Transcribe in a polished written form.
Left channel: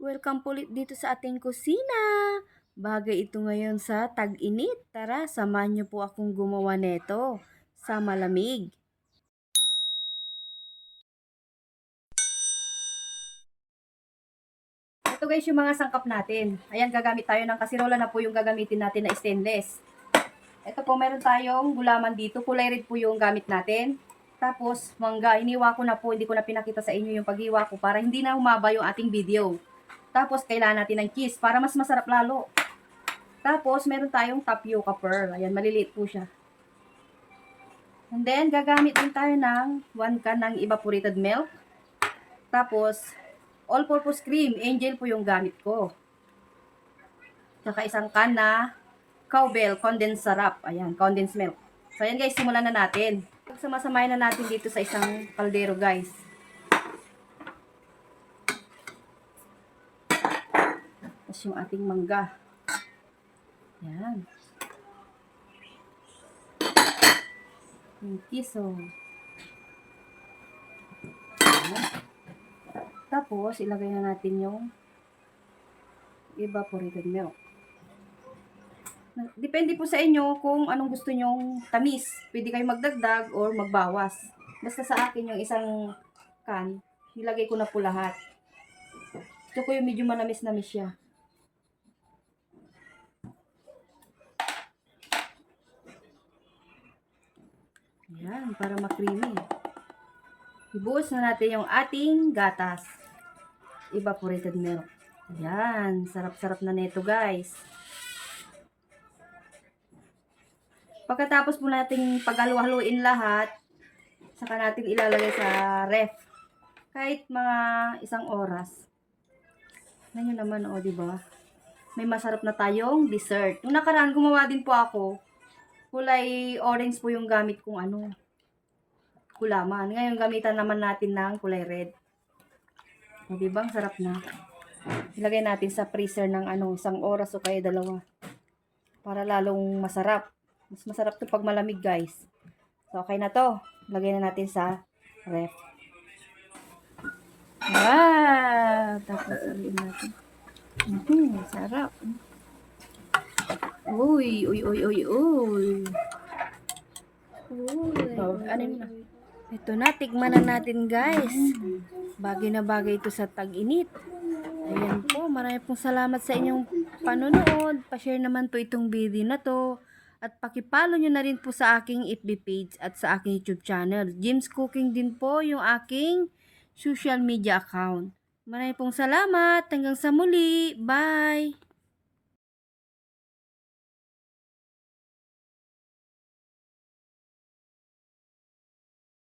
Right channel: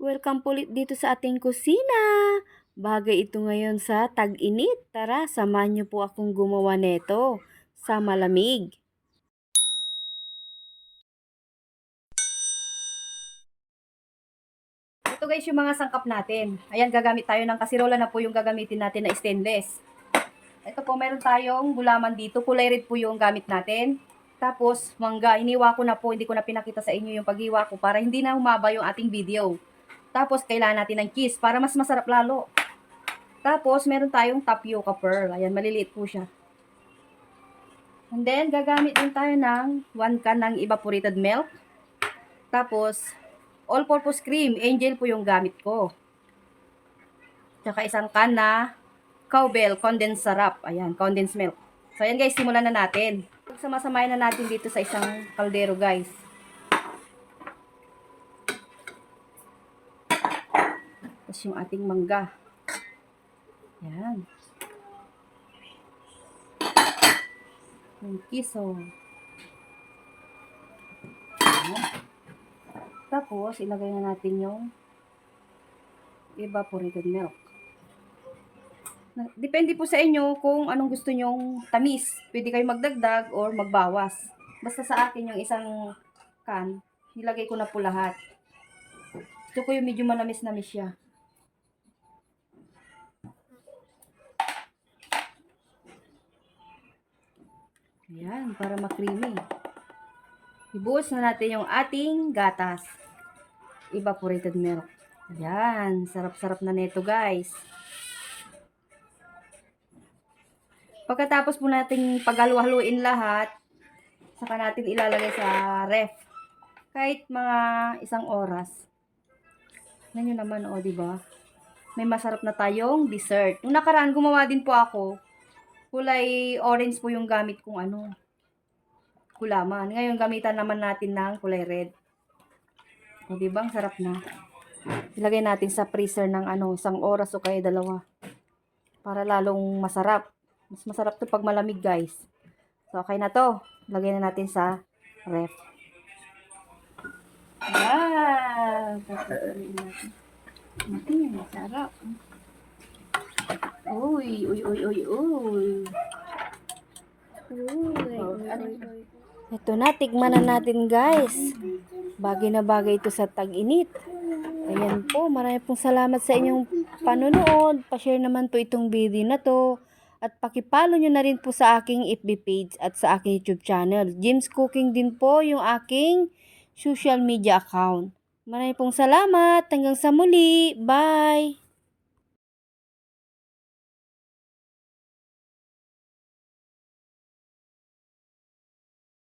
Welcome po ulit dito sa ating kusina. Bagay ito ngayon sa tag-init. Tara, samahan niyo po akong gumawa neto sa malamig. Ito guys yung mga sangkap natin. Ayan, gagamit tayo ng kasirola na po yung gagamitin natin na stainless. Ito po, meron tayong gulaman dito. Kulay red po yung gamit natin. Tapos, mangga. Iniwa ko na po. Hindi ko na pinakita sa inyo yung paghiwa ko para hindi na humaba yung ating video. Tapos, kailangan natin ng cheese para mas masarap lalo. Tapos, meron tayong tapioca pearl. Ayan, maliliit po siya. And then, gagamit din tayo ng 1 can ng evaporated milk. Tapos, all-purpose cream. Angel po yung gamit ko. Tsaka isang can na cowbell condensed syrup. Ayan, condensed milk. So, ayan guys, simulan na natin. Sama-samayin na natin dito sa isang kaldero guys. Tapos yung ating mangga. Ayan. Yung kiso. Ayan. Tapos, ilagay na natin yung evaporated milk. Depende po sa inyo kung anong gusto nyong tamis. Pwede kayo magdagdag or magbawas. Basta sa akin yung isang can, nilagay ko na po lahat. Gusto ko yung medyo manamis-namis siya. Ayan, para ma-creamy. Ibuhos na natin yung ating gatas. Evaporated milk. Ayan, sarap-sarap na neto guys. Pagkatapos po nating paghalu-haluin lahat, saka natin ilalagay sa ref. Kahit mga 1 oras. Yan yun naman, o, diba? May masarap na tayong dessert. Nung nakaraan, gumawa din po ako. Kulay orange po yung gamit kong gulaman. Ngayon, gamitan naman natin ng kulay red. O, diba? Ang sarap na. Ilagay natin sa freezer ng 1 oras o kaya 2. Para lalong masarap. Mas masarap to pag malamig, guys. So, okay na to. Lagay na natin sa ref. Taparin natin. Sarap. Uy. Ito na, tikman na natin guys. Bagay na bagay ito sa tag-init. Ayan po, marami pong salamat sa inyong panonood. Pa-share naman po itong video na to. At pakipollow nyo na rin po sa aking FB page at sa aking YouTube channel. Jim's Cooking din po yung aking social media account. Marami pong salamat. Hanggang sa muli. Bye!